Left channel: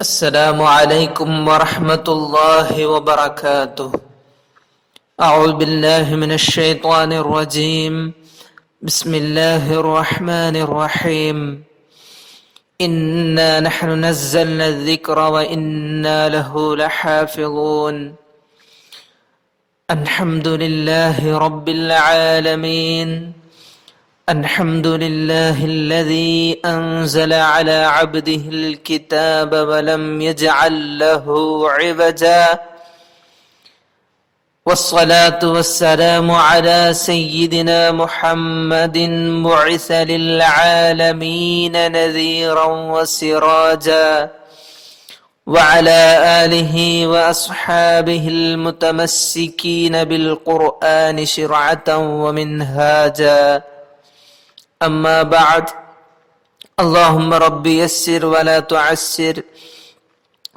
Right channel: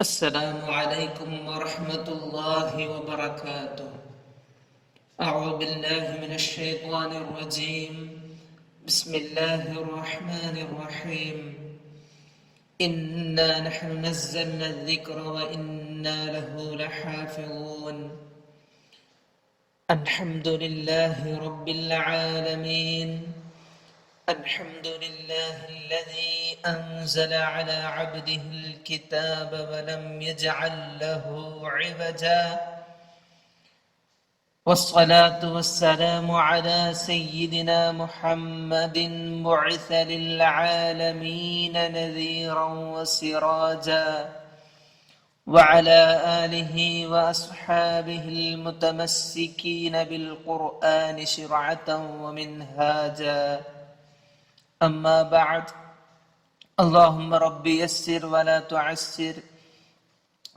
السلام عليكم ورحمة الله وبركاته. أعوذ بالله من الشيطان الرجيم. بسم الله الرحمن الرحيم. إنا نحن نزلنا الذكر وإنا له لحافظون. الحمد لله رب العالمين. الحمد لله الذي أنزل على عبده الكتاب ولم يجعل له عوجا، والصلاة والسلام على سيدنا محمد بعث للعالمين نذيرا وسراجا، وعلى آله وأصحابه المتمسكين بالقرآن شرعة ومنهاجا. أما بعد، اللهم رب يسر ولا تعسر،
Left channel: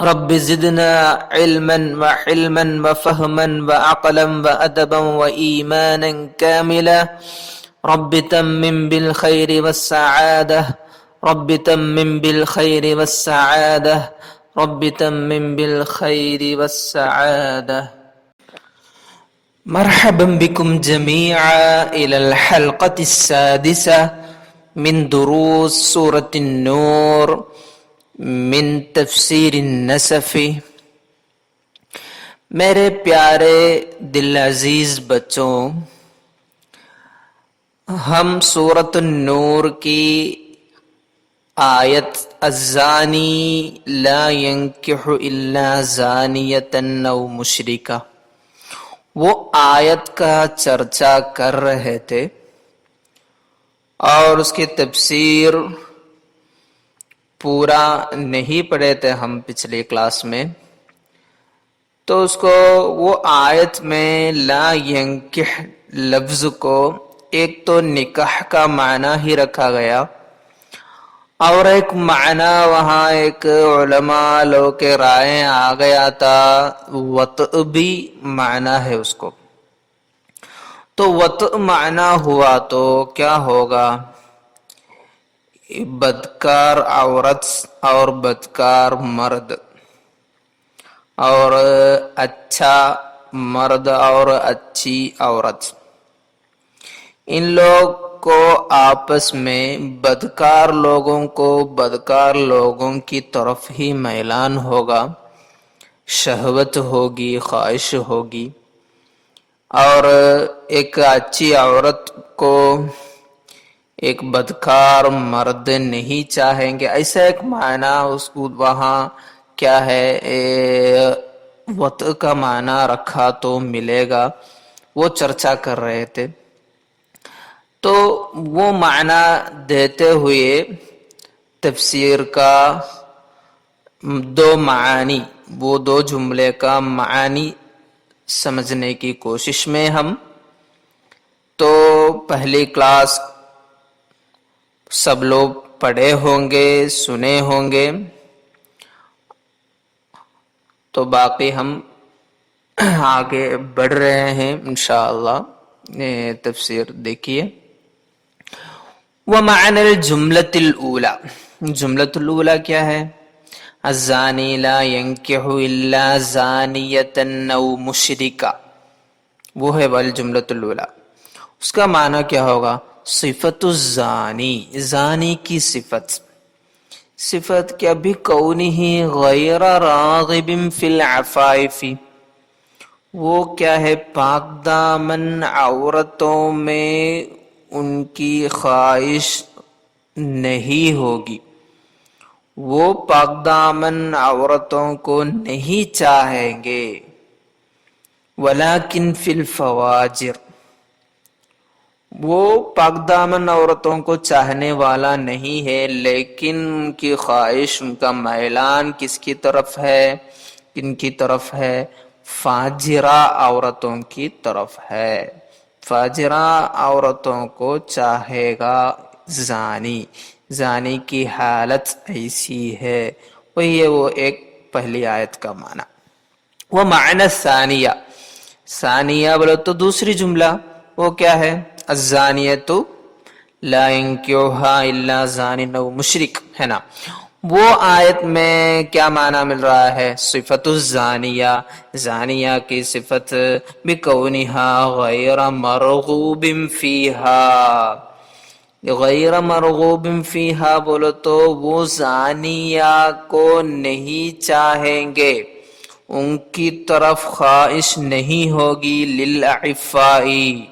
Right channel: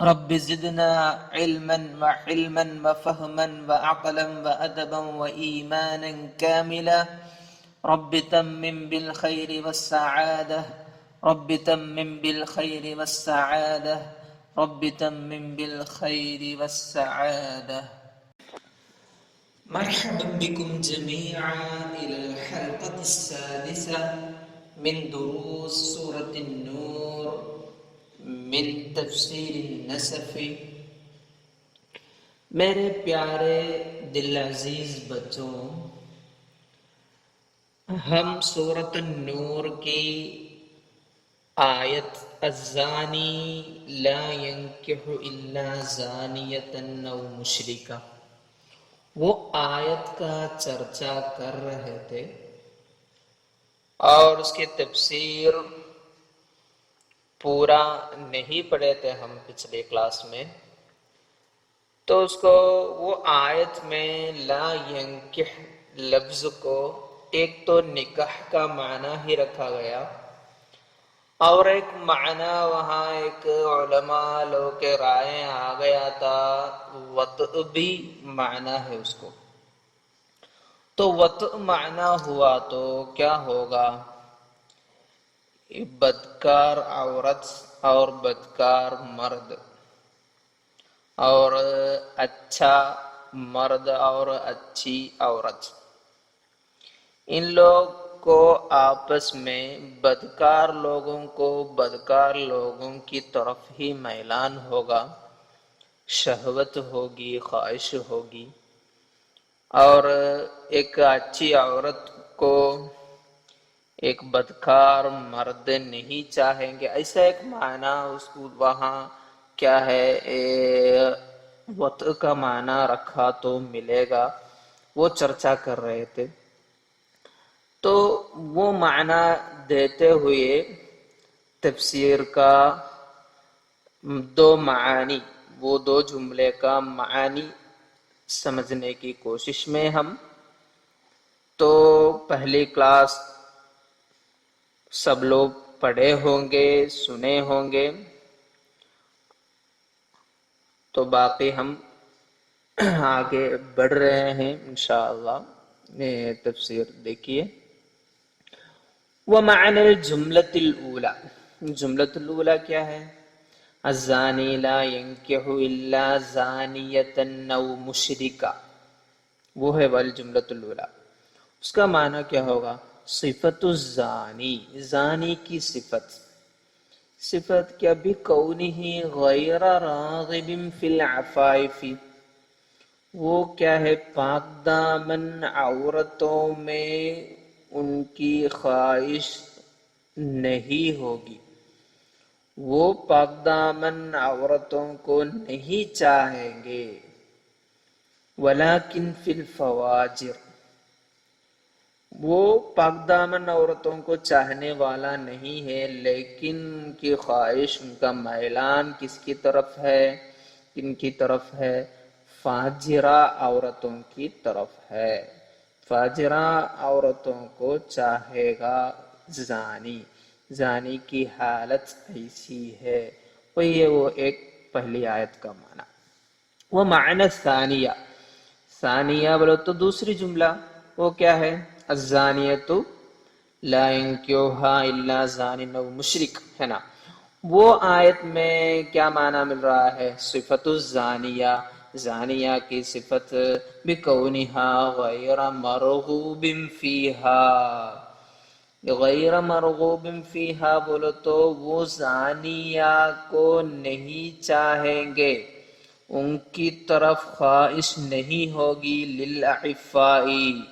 رب زدنا علما وحلما وفهما وعقلا وأدبا وإيمانا كاملا. رب تمم بالخير والسعادة، رب تمم بالخير والسعادة، رب تمم بالخير والسعادة. مرحبا بكم جميعا إلى الحلقة السادسة من دروس سورة النور من تفسیر النسف. میرے پیارے دل عزیز بچوں، ہم سورۃ النور کی آیت الزانی لا ينکح الا زانیۃ او مشرکہ، وہ آیت کا چرچا کر رہے تھے اور اس کی تفسیر پورا نہیں پڑھے تھے ہم پچھلی کلاس میں. تو اس کو وہ آیت میں لا ینکح لفظ کو ایک تو نکاح کا معنی ہی رکھا گیا، اور ایک معنی وہاں ایک علماء لوگ کے رائے آ گیا تھا وطء بھی معنی ہے اس کو. تو وطء معنی ہوا تو کیا ہوگا؟ بدکار عورت اور بدکار مرد، اور اچھا مرد اور اچھی عورت، ان لوگ کو آپس میں بدکار لوگوں کو بدکار لوگوں کی طرف ہی میلان ہوگا، شہوت ہوگی، خواہش ہوگی، اور ایک اچھی عورت کو ایک بدکار مرد نہیں چاہیں گے. ایسا ایک معنی اس کو وہاں کیا ہے وطء کا معنی رکھا تو ملے گا، وہ چرچا کر رہے تھے. تو وہ معنی دیتے ہوئے تفسیر کا دو معانی، وہ دو جملے کا معانی سمجھنے کی کوشش میں ہم. تو پہلی کلاس سب لوگ پڑھے ہوں گے، سنے ہوں گے، تو باقی ہم آگے بڑھ رہے ہیں انشاءاللہ. تفسیر دیکھیے. وَمَعْنَى الْجُمْلَةِ الْأُولَى، جملۃ الاولیٰ کیا ہے؟ الزانی لا ينکح الا زانیۃ او مشرکہ، وہ ہے والجملۃ الاولیٰ. اس کا معنی کیا ہوگا؟ صفت الزانی، زانی کی صفت. صفت کیا؟ بِكَوْنِهِ غَيْرَ رَاغِبٍ فِي الْعَفَائِفِ، وہ کیا ہے؟ پاک دامن عورتوں میں ان کی خواہش نہیں ہوگی، وہ پاک دامن عورتوں کو نہیں چاہیں گے. وَلَكِنْ فِي الْفَوَاجِرِ، وہ پاک دامن عورتوں کو چاہنے والا نہیں ہے، لیکن ان کی خواہش، ان کا میلان کس کی طرف ہے؟ کن کی طرف ہے؟ فاجرہ عورتوں کی طرف ہے. فاجرہ عورتوں کو چاہے گا زانی، زانی کی حالت ایسی ہے. وہی ہے وہ ایک پہلی آیت کا معنی. وہ معنی ثانیہ، ثانیہ بولو تو دوسری جملہ، وہ کیا ہے؟ الزانیۃ لا ينکحها الا زان او مشرک، ہے نا. وہ آیت میں کیا معنی مل رہا ہے؟ صفت الزانیہ، زانیہ کی صفت بکونہا غیر مرغوب فیہا، غیر مرغوب فیہا بولو تو وہ زانیہ کو نہیں چاہیں گے، ان کی طرف خواہش نہیں ہوگی، للعفائی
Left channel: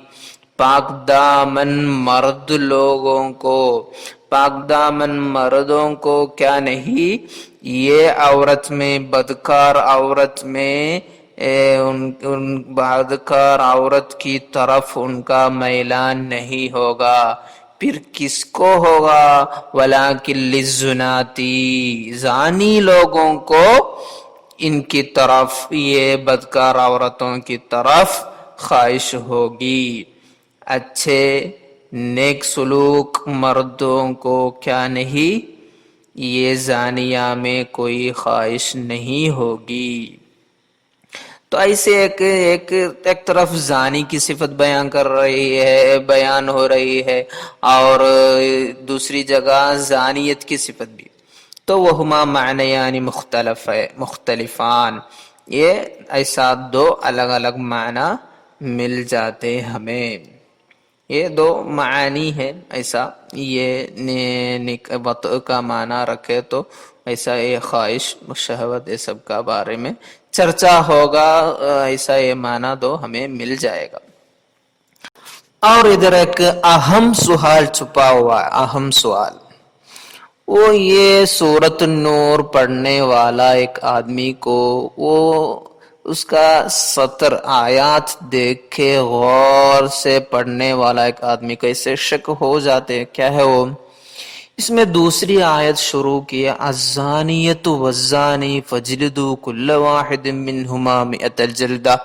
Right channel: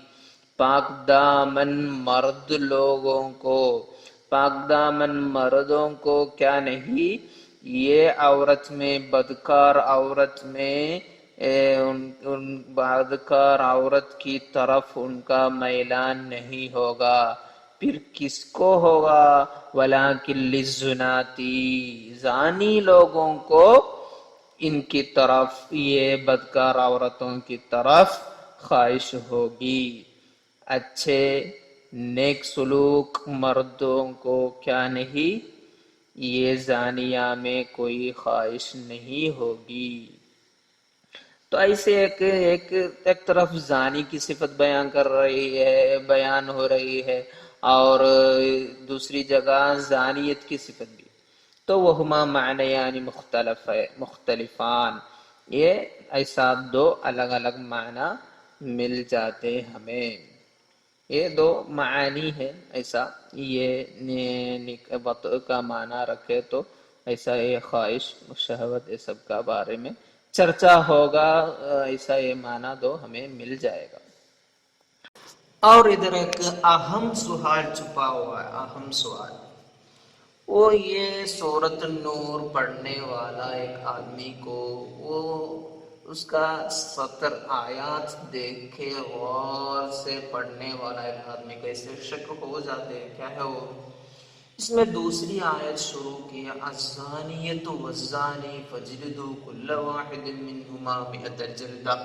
پاک دامن مرد لوگوں کو، پاک دامن مردوں کو کیا نہیں، یہ عورت میں بدکار عورت میں ان بدکار عورت کی طرف ان کا میلان نہیں ہوگا، پھر کس کو ہوگا؟ وَلَٰكِن لِلزُّنَاتِ زانی لوگوں کو ان کی طرف، یہ بدکار عورتوں کی طرف خواہش ہوگی، اچھے نیک سلوک مردوں کو کیا نہیں، یہ زانیہ میں کوئی خواہش نہیں ہوگی۔ تو ایسے ایک طرف زانی کی صفت بیان ہو رہی ہے اور دوسری جگہ زانیت کی صفت بھی، تو وہما معنیان مختلفان، یہ ایسا دو الگ الگ معنی مل جاتے ہمیں، یہ دو معانی ہے، ایسا یہ وطء کا معنی رکھے تو ایسا یہ خواہش شہوت یہ سب کا بارے میں چرچا ہوگا، ایسا یہ معنی دو ہمیں مل جائے گا۔ اور ادھر ایک اہم سوال چھپا ہوا ہے، اہم سوال، وہ یہ سورۃ النور پڑھنے والا ایک آدمی کو وہ اس کا سطر آیات دیکھ کے غور سے پڑھنے والا ایک آدمی کو اسے شک ہو جاتے ہیں، کیا ہے وہ؟ اس میں دوسری آیت شروع کی ہے، الزانیۃ والزانی فجلدوا کل واحد منہما مئۃ جلدہ۔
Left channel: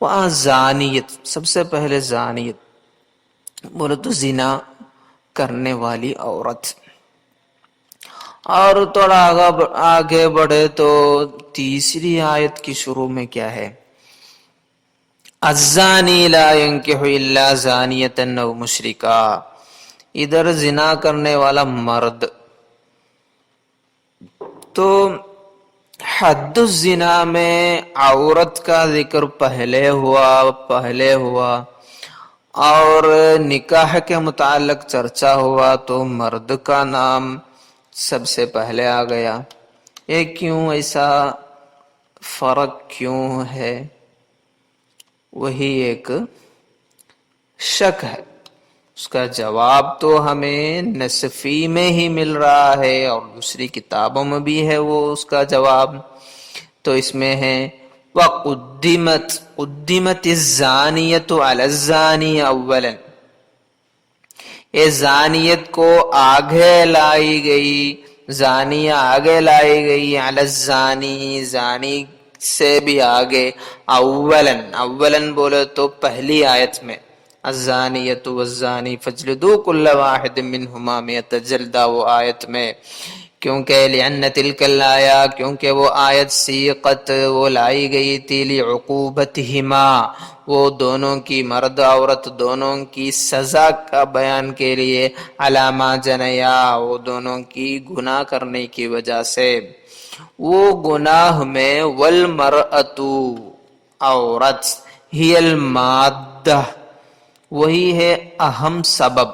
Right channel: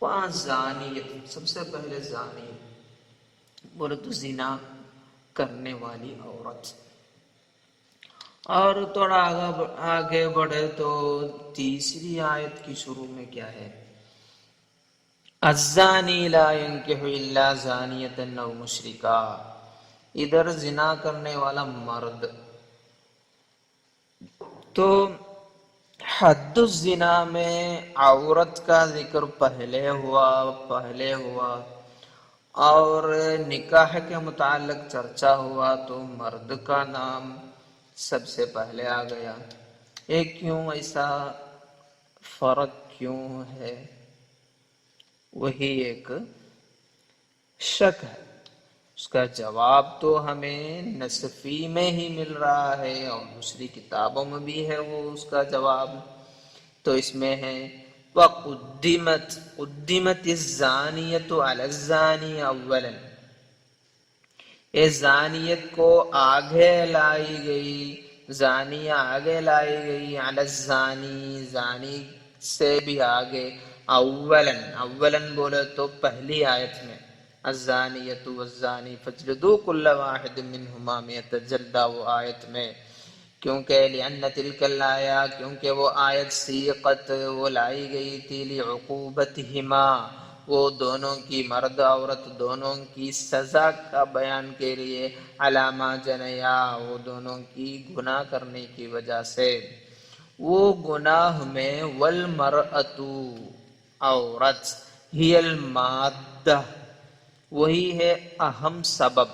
وہاں زانیت، سب سے پہلے زانیت بولے تو زنا کرنے والی عورت، اور تھوڑا آگے بڑھے تو تیسری آیت کی شروع میں کیا ہے؟ الزانی لا ينکح الا زانیۃ او مشرکا، ادھر زنا کرنے والا مرد، تو حد الزنا میں عورت کا ذکر پہلے ہوا اور نکاح کے متعلق چرچا ہوا تو مرد کا نام سب سے پہلے آ گیا، یہ کیوں؟ ایسا فرق کیوں ہے؟ وہی ایک شک ہے، اس کا جواب تو ہمیں نصفی میں ہی مل رہا ہے اور دوسری کتابوں میں بھی ہے وہ اس کا جواب، تو اس میں ہے قدمت الزانیۃ علی الزانی اولا، یہ زانیت کو آگے لائی گئی، زانیہ آگے لائی گئی، علی الزانی زانی سے بھی آگے، اولا بولے تو پہلی آیت میں، الزانیۃ والزانی فجلدوا کل واحد منہما مئۃ جلدہ، وہ آیت میں، کیونکہ لأن تلک الآیہ، کیونکہ وہ آیت سیقت وہ لائی گئی تھی، لعقوبتہما وہ دونوں کی، مرد عورت دونوں کی سزا کا بیان کے لیے، علامہ جنیا وہ دونوں کی گناہ کرنے کی وجہ سے، وہ گناہ میں، والمرأۃ عورت، ہی المادہ وہی ہے اہم سبب،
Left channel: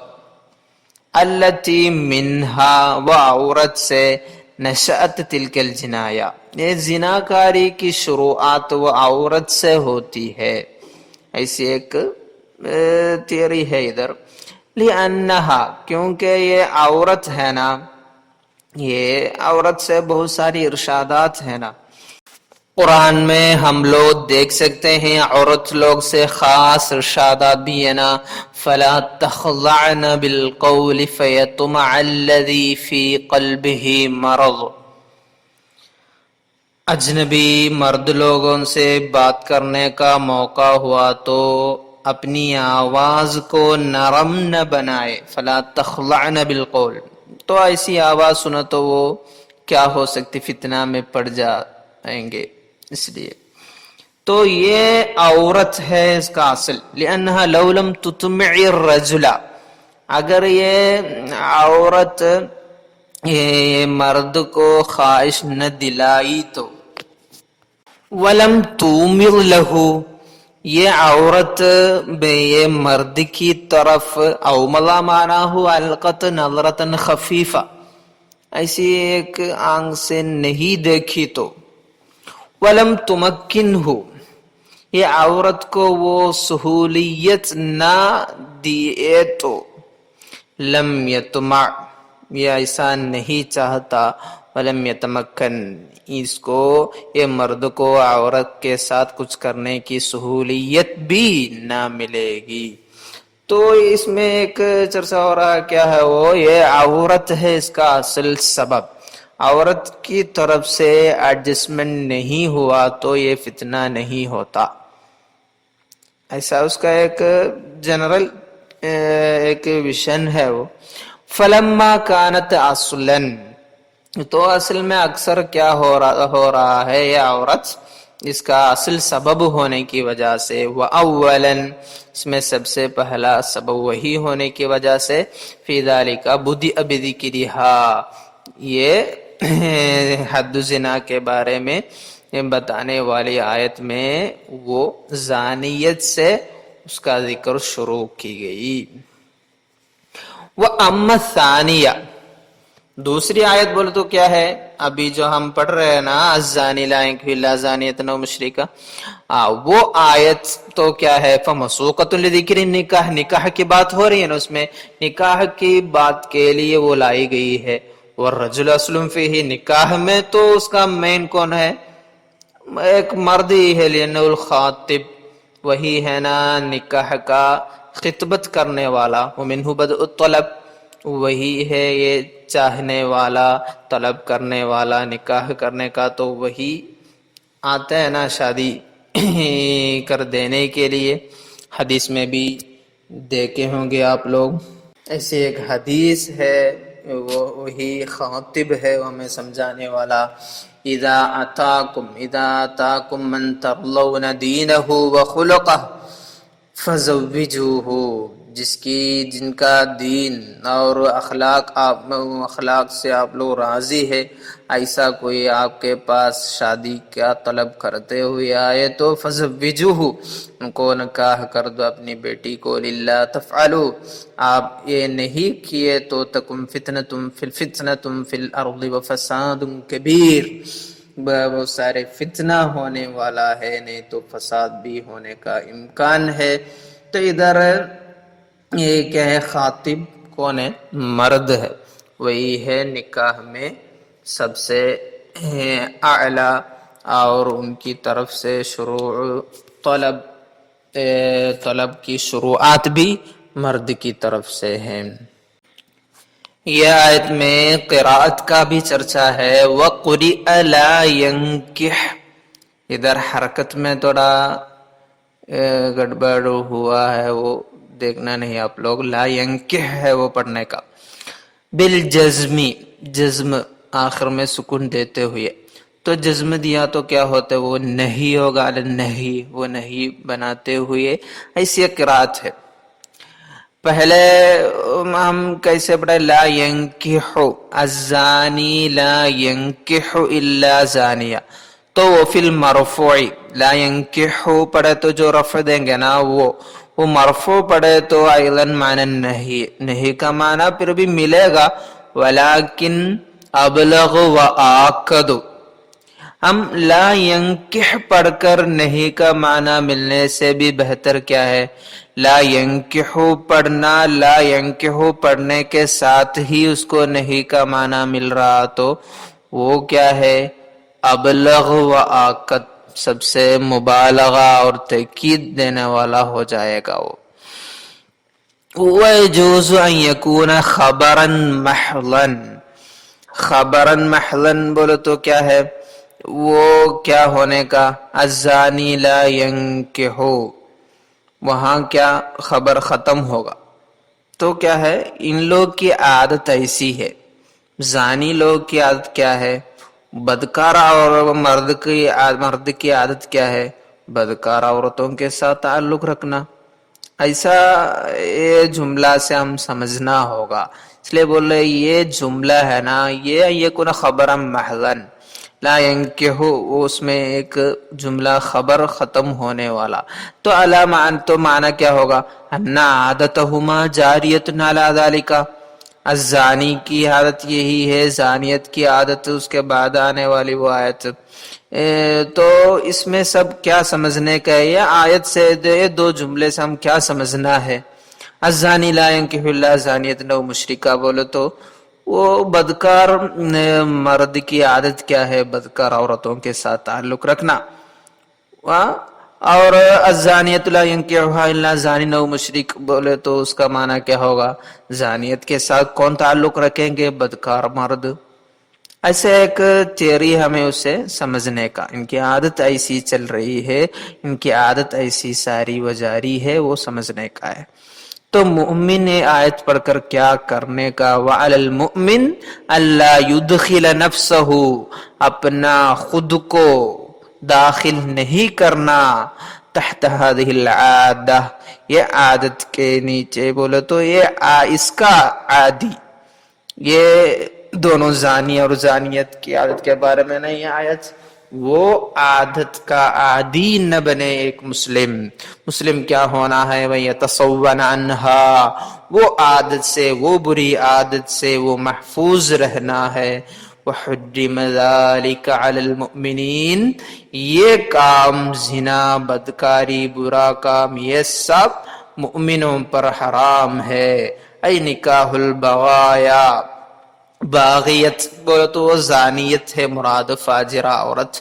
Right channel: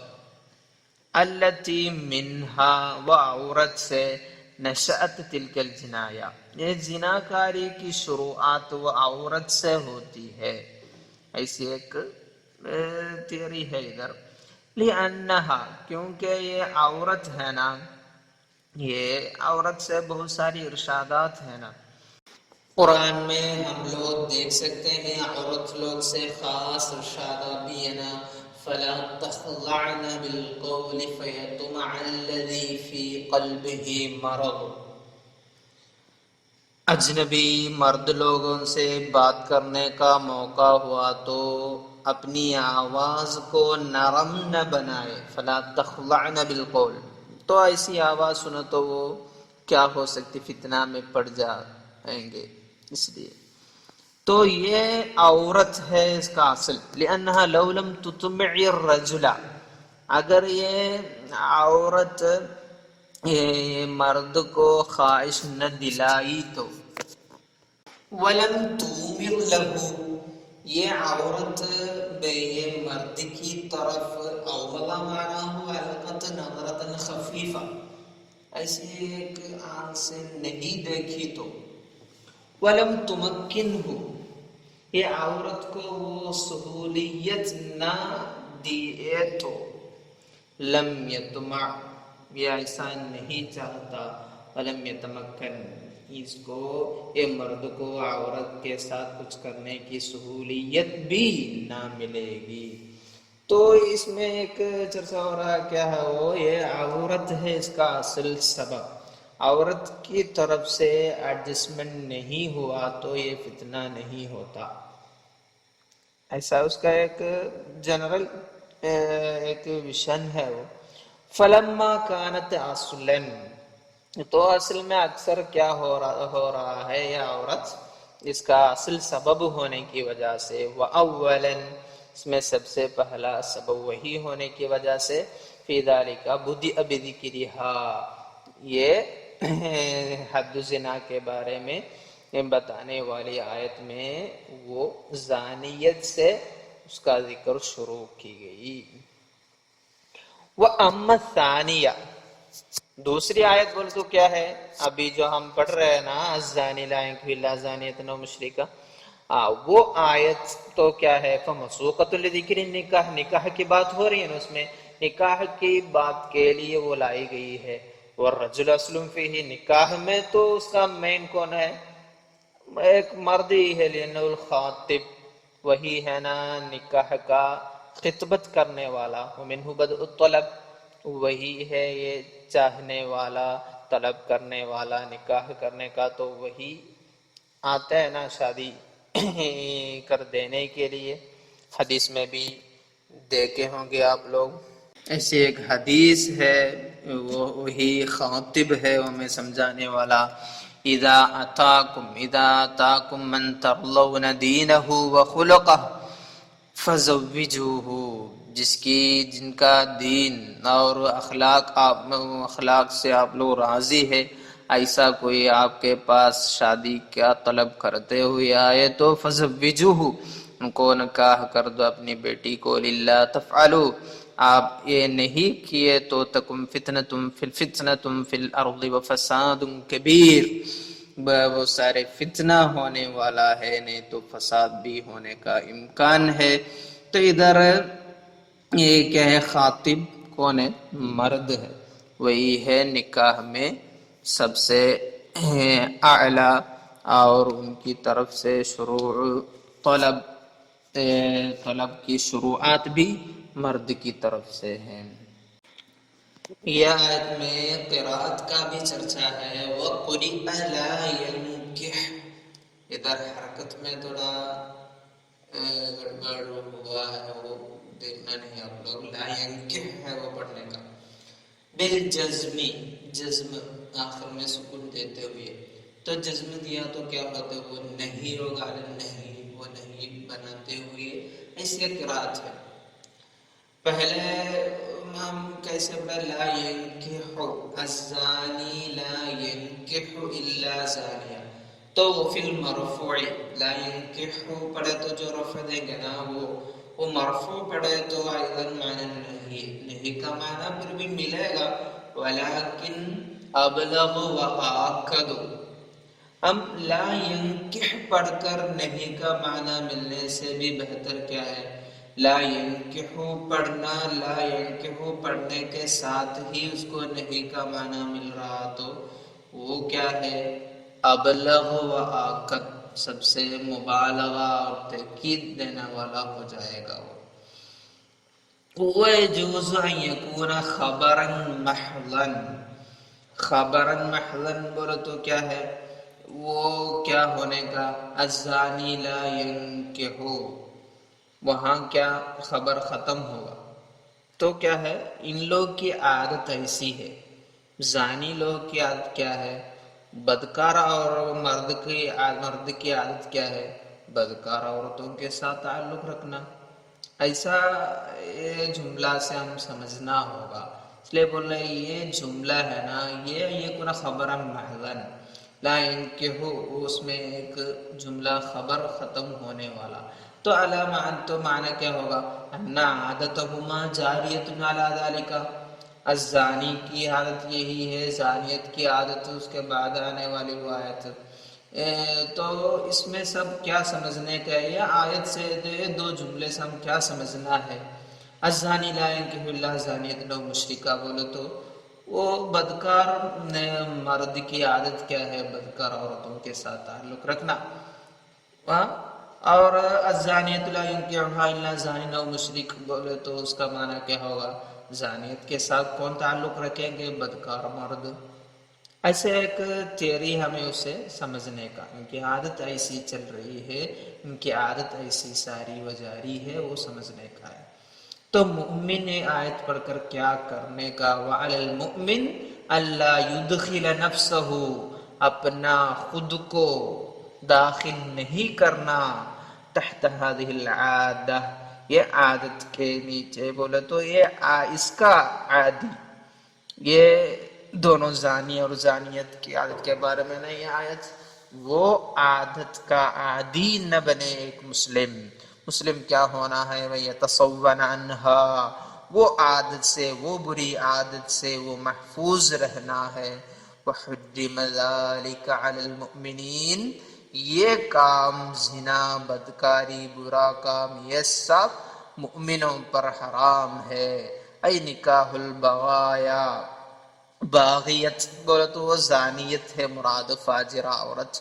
التی منہا وہ عورت سے، نشأت تلک الجنایہ یہ زناکاری کی شروعات وہ عورت سے ہوتی ہے، ایسی ایک تھیوری ہے ادھر، لأنہا کیونکہ یہ عورت ہے نا، یہ عورت سے بہت ساری ارشادات ہیں نا، قرآن میں ہم لوگ دیکھ سکتے ہیں عورت لوگ سے خاص ارشادات بھی ہے نا، فلا تخضعن بالقول فیطمع الذی فی قلبہ مرض، اجنبی مرد لوگوں سے بات کرنے کا موقع ہوا تو اپنی آواز کو نرم نہ بنائے، فلا تخضعن بالقول، تو ایسی آواز سنا تو وہ کیا ہو سکتی، فتنہ میں پڑ جائیں گے، اس لیے تو یہ عورت ہے اس کا اصل، لأنها لو لم تطمع الرجل، اگر یہ عورت یہ مرد کو خواہش نہ دلائی تو ولم تومر لہو، یہ عورت یہ مرد کی طرف اوملا مانا ہو القت نظرتن خفیفہ، ایسی ایک آنکھ سے نہیں دیکھی تو ولم تمکن ہو، یہ عورت کو وہ سہولیت نہ دیے تو لم یتمع، یہ ایسا نہیں چاہتا، ولم یتمکن، اس کو یہ مرد کو عورت کے ساتھ کچھ کرنے کی سہولیت بھی نہ ملے گی۔ تو اس میں ایک چرچہ ہو رہا کیا ہے، وہ یہ عورت ہے اس کا اصل سبب، عورت کی طرف سے ایڈجسٹمنٹ نہیں ہوا تو یہ فتنہ نہیں ہوتا، ایسا اس کا ایک جنرل ایک ویژن ہے وہ۔ فلما کانت اصلا، تو اصل میں اکثر کیا ہو رہا ہے، یہ عورت اس کا اصل سبب ہونے کی وجہ سے، وَأَوَّلًا، اس میں سب سے پہلا سبب وہی ہونے کی وجہ سے، فی ذالک بدأ بذکرھا، یہ حد زنا کے بارے میں بتانے والی آیت میں وہ زانیت سے اس کا ذکر شروع کی گئی۔ وَأَمَّا الثَّانِيَةُ، دوسری آیت بولے تو کیا ہے، ابھی جو ہم پڑھ رہے ہیں نا الزانی لا ينکح الا زانیۃ او مشرکہ، وہ آیت تو کیا ہے فمسوقۃ لذکر النکاح، نکاح کی بات ہو رہی ہے نا، اس میں نکاح کی بات کے لیے وہ لائی گئی ہے، والرجل اصل فیہ، نکاح میں تو اس کا مین کون ہے، ایک مرد ہی ہے، لأنہ الخاطب، وہی ہے نا نکاح کا خطبت کرنے والا، ومنہ بدء الطلب، وہی ہے یہ چاہنے والا، طلب کرنے والا، نکاح کرنے کا تو وہی آتا ہے نا شادی کر دینے کے لیے۔ حدیث میں بھی دیکھے ہوں گے آپ لوگ، ایسی ایک حدیث ہے، وہی خاطب ہے ہمیں سمجھانے والا، اذا اتاکم من ترضون دینہ وخلقہ فزوجوہ، جن کا دین اور اخلاق سے آپ لوگ راضی ہے، ایسا کوئی آپ کے پاس شادی کا طلب کرتے ہوئے آئے تو فزوجوہ، ان کو نکاح کر دو اپنی بیٹی کو، للہ تفعلوا، آپ یہ نہیں کیے تو تکن فتنۃ فی الارض وفساد کبیر، بہت سارے فتنہ ہونے والا ہے، نہیں تو فساد بھی ہونے کا امکان ہے۔ تو ادھر یہ کیا ہے، خاطب کون ہے، مرد ہے، وہی ہے نکاح میں سب سے اعلی، اور ان کی طرف سے شروع طلب کی شروعات بھی مرد کی طرف سے ہیں۔ یہ آیت میں قراءت کا بھی چرچا ہے، وَقُرِئَ لَا يَنْكِحْ، ادھر حرکت میں تھوڑا گڑبڑ ہوا ہے، وہ دیکھنا نہیں آپ لوگ، لا ينکح ہے وہ پڑھنے کا، بالجزمی، جزم آخر میں سکون دیتے ہوئے، تو جزم دیا تو کیا ہوتا ہے، وہ نہیں ہوگا، نہیں، وہ نہیں بناتے ہوئے، ایسی قرات ہے۔ پہلے ہم کیسے پڑھے، لا ينکح الزانی لا ينکح الا زانیہ، تو وہ فی المرفوع، لا ينکح پڑھے تو جو رفع دیں گے نا وہ مرفوع پڑھے تو ایضا معنی نہیں کا معنی پھر بھی ملے گا، ولیکن ابلغ و آکد، ہم لا ینکح پڑھ کر نہیں کا معنی ملنے سے بھی بہتر کیا ہے، لا ینکح پڑھنا، لا ینکح پڑھنے کے ساتھ ہی اس کو نہیں کا معنی مل رہا تو وہ کیا ہے، ابلغ و آکد، سب سے مبالغہ اور تاکید دینے والا ہو جائے گا وہ۔ وَيَجُوزُ أَن يَكُونَ خَبَرًا مَحْضًا، خبرًا محضًا بولے تو کیا ہے، وہ کیا ہونے کا، الزانی لا ينکح، وہاں کیا خبر ختم ہوگا، تو کیا ہے، ان لوگ کی عادت ایسی ہے، زانی لوگ کی عادت کیا ہے، بدکار، اور مرد کی عادت کیا ہے، بدکار عورتوں کے ساتھ تعلق رکھنا، ایسا یہ جملہ سے ہم سمجھنا ہوگا، اس لیے بول رہے یہ جملہ ہے نا یہ یکون خبرا محضن لا ینکحو، اس میں ایک جملہ خبر ختم ہونے والا، تو علامہ تو معنی کیا ہوگا؟ ان عادتہما جاریۃ علی ذالک، الزانی کی عادت یہی ہے، زانیت کی عادت اس کے بعد آنے والی وہ آیت۔ تو اس میں سب کیا سمجھنے کا ہے؟ یہ آیت سے دو جملے سے ہم کیا سمجھنا ہے؟ الزانی لا ینکح الا زانیۃ نو مشرکہ، بولے تو وہ بدکار مرد کی عادت کیا ہے؟ بدکار عورتوں کے ساتھ تعلق رکھنا۔ اور الزانیۃ لا ینکحها الا زانی نو مشرک، بولے تو اس کا معنی کیا ہوگا؟ زانیت کے ساتھ کون تعلق رکھیں گے؟ بدکار مرد۔ ایسے ایک تھیوری ہمیں اسے سمجھنے کا، ان کی عادت ایسی چل رہی ہے، ان کی عادت ایسی ساری و جاری ہے، وہ سمجھنے کا ہے۔ تو مومن نے آیت پڑھ کر کیا کرنے کا؟ وَعَلَى الْمُؤْمِنِ أَلَّا يُدْخِلَ نَفْسَهُ، اپنا خود کو داخل نہیں کرنا تحت هذه العادہ، یہ عادت کے نیچے، بولے تو یہ اس کا عادی، یہ دونوں زانی اور زانیت کی عادت کے بارے میں نہیں آیت، وہ عادت کا عادی نہ بنے ایک مسلم۔ مسلم کیا ہونا ہے؟ وَيَتَصَوَّنَ عَنْهَا، وہ عادت سے، وہ بری عادت سے وہ محفوظ رہنا ہے۔ وَحُرِّمَ ذَلِكَ عَلَى الْمُؤْمِنِينَ، یہ کام زنا، بدکاری، برا کام، یہ سب مؤمنوں پر حرام ہے۔ ای نکاح البغایا، باغیت بولے تو وہ زانیت ہے مراد، فاجرہ عورت،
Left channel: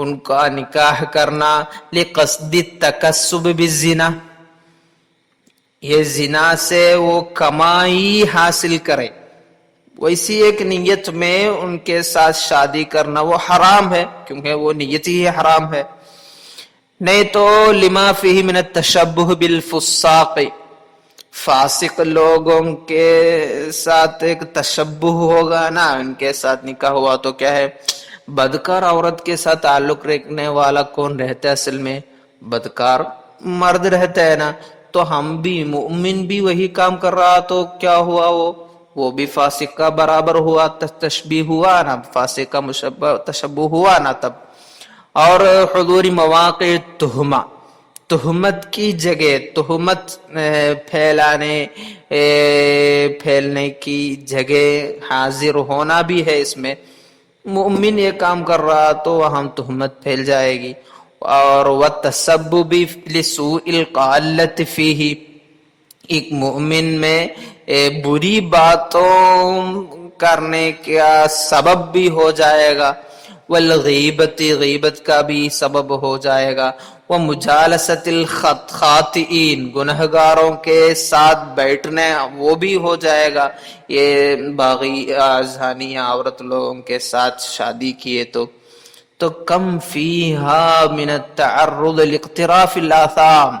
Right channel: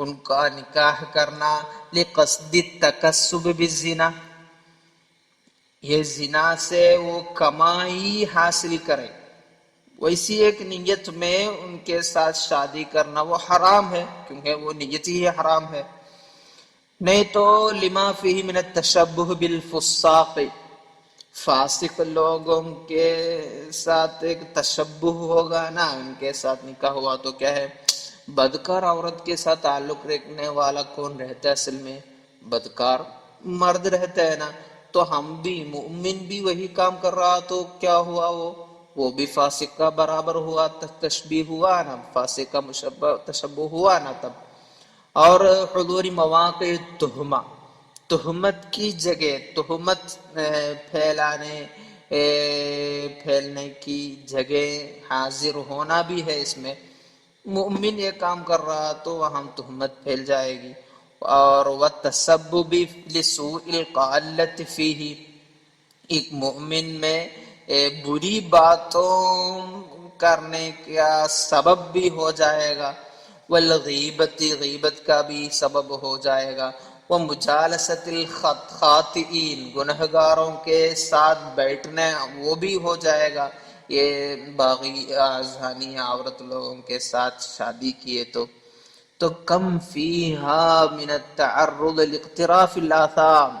ان کا نکاح کرنا لقصد التکسب بالزنا، یہ زنا سے وہ کمائی حاصل کرے، ویسی ایک نیت میں ان کے ساتھ شادی کرنا وہ حرام ہے، کیونکہ وہ نیت ہی حرام ہے۔ نہیں تو لما فیہ من التشبہ بالفساق، فاسق لوگوں کے ساتھ ایک تشبہ ہوگا نا، ان کے ساتھ نکاح ہوا تو کیا ہے؟ بدکار عورت کے ساتھ تعلق رکھنے والا کون رہتا ہے؟ اصل میں بدکار مرد رہتا ہے نا، تو ہم بھی مومن بھی وہی کام کر رہا تو کیا ہوا؟ وہ بھی فاسق کا برابر ہوا، تشبیہ ہوا نا، فاسق کا تشبہ ہوا نا تب۔ اور حضور مواقع تہمہ، تہمت کی جگہ، تہمت پھیلنے کی جگہ حاضر ہونا بھی ہے اس میں۔ مومن یہ کام کر رہا تو وہاں تہمت پھیل جائے گی۔ اور وَالتَّسَبُّبِ لِسُوءِ الْقَالَّةِ فِيهِ، ایک مومن میں بری باتوں کرنے کا سبب بھی ہو جائے گا، والغیبت، غیبت کا بھی سبب ہو جائے گا، ومجالست الخاطئین، گنہگاروں کے ساتھ بیٹھنے وہ بھی ہو جائے گا، یہ باغی زانی عورت لوگوں کے ساتھ شادی کیے تو کم فیہا من التعرض لاقتراف الآثام،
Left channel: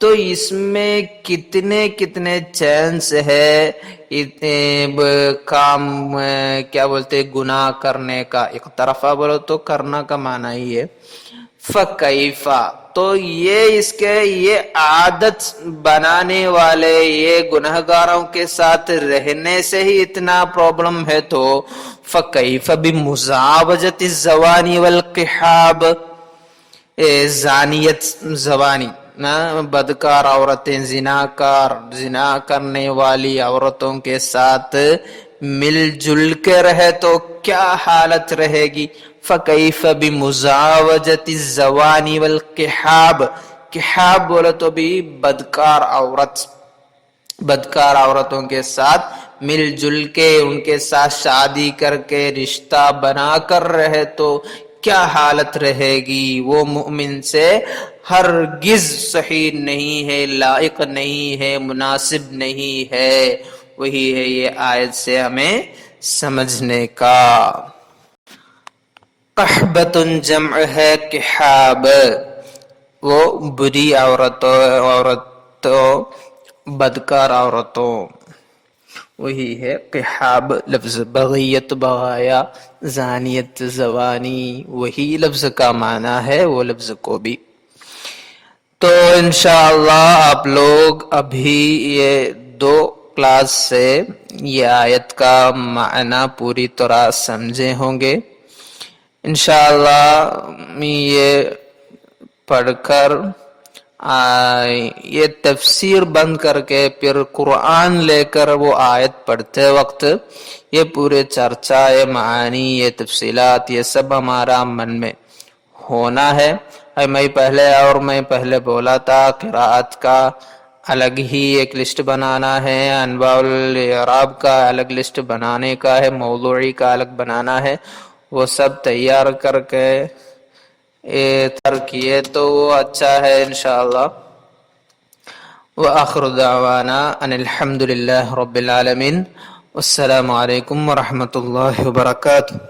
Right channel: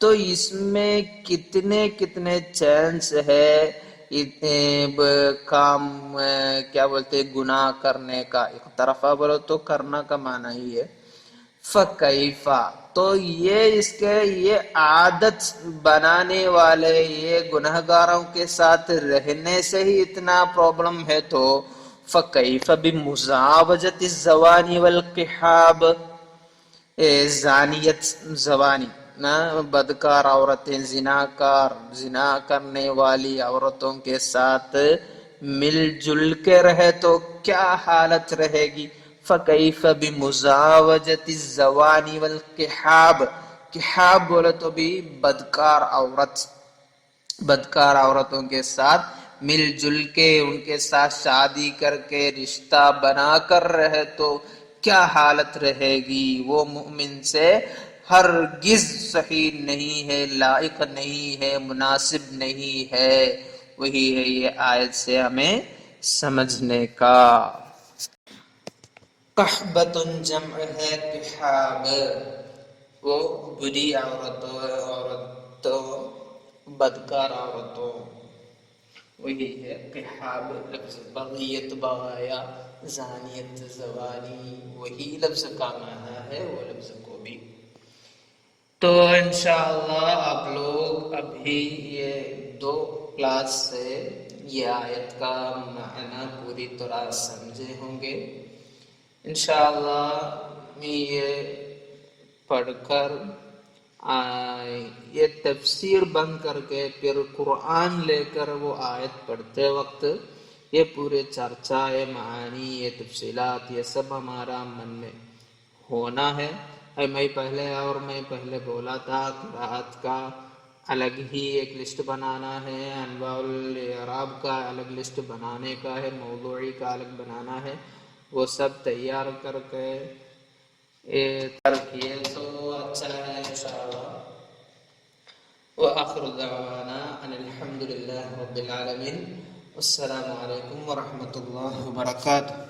تو اس میں کتنے کتنے چانس ہے کام کیا بولتے گناہ کرنے کا۔ اقترافہ بولو تو کرنا کا معنی ہی ہے۔ فکیفا، تو یہ اس کے یہ عادت بنانے والے یہ گنہگاروں کے ساتھ رہنے سے ہی اتنا پرابلم ہے، تو فکیف بمزاوجت الزوانی والقحاب، زانیت زوانی بدکار عورتیں، زنا کرنے والی عورتوں کے ساتھ مل جل کے رہے تو کیا حالت رہے گی؟ فَكَيْفَ بِمُزَاوَجَةِ الزَّوَانِ وَالْقِحَابِ، قحاب بولے تو بھی بدکار عورت، بدکار عورتوں کے ساتھ مل جل کے ان کے ساتھ شادی کر کے رشتہ بنا کر رہے تو کیا حالت رہے گی؟ وہ مومن سے ہرگز صحیح نہیں ہے، لائق نہیں ہے، مناسب نہیں ہے۔ وہی ہے یہ آیت سے ہمیں سمجھنے کا۔ قحبۃ جمع ہے قحاب، وہ بری عورتوں بدکار عورتوں، وہی ہے قحاب لفظ۔ بغیت بغایا، زانیت زوانی، وہی لفظ کا معنی ہے وہ لفظ کو بھی۔ تو انشاءاللہ آپ لوگ ابھی یہ 2 کلاس سے یہ آیت کا معنی پوری طرح سمجھے ہوں گے. انشاءاللہ یہ پڑھ کر یہ تفسیر بند کر کے پھر قرآن لے کر وہ آیت پڑھتے وقت یہ پورے چرچا، یہ معانی، یہ تفصیلات، یہ سب ہمارا من میں ہونا ہے. میں پہلے بولا تھا قراءت کا الگ ہی ایک لسٹ بنانا ہے، انواع الاعراب کا الگ لسٹ بنانے کا ہے، موضوعی کا الگ بنانا ہے. وہ سب تیار کر کے کیے تو وہ اچھا ہے انشاءاللہ. وآخر دعوانا ان الحمد للہ رب العالمین. السلام علیکم ورحمۃ اللہ وبرکاتہ.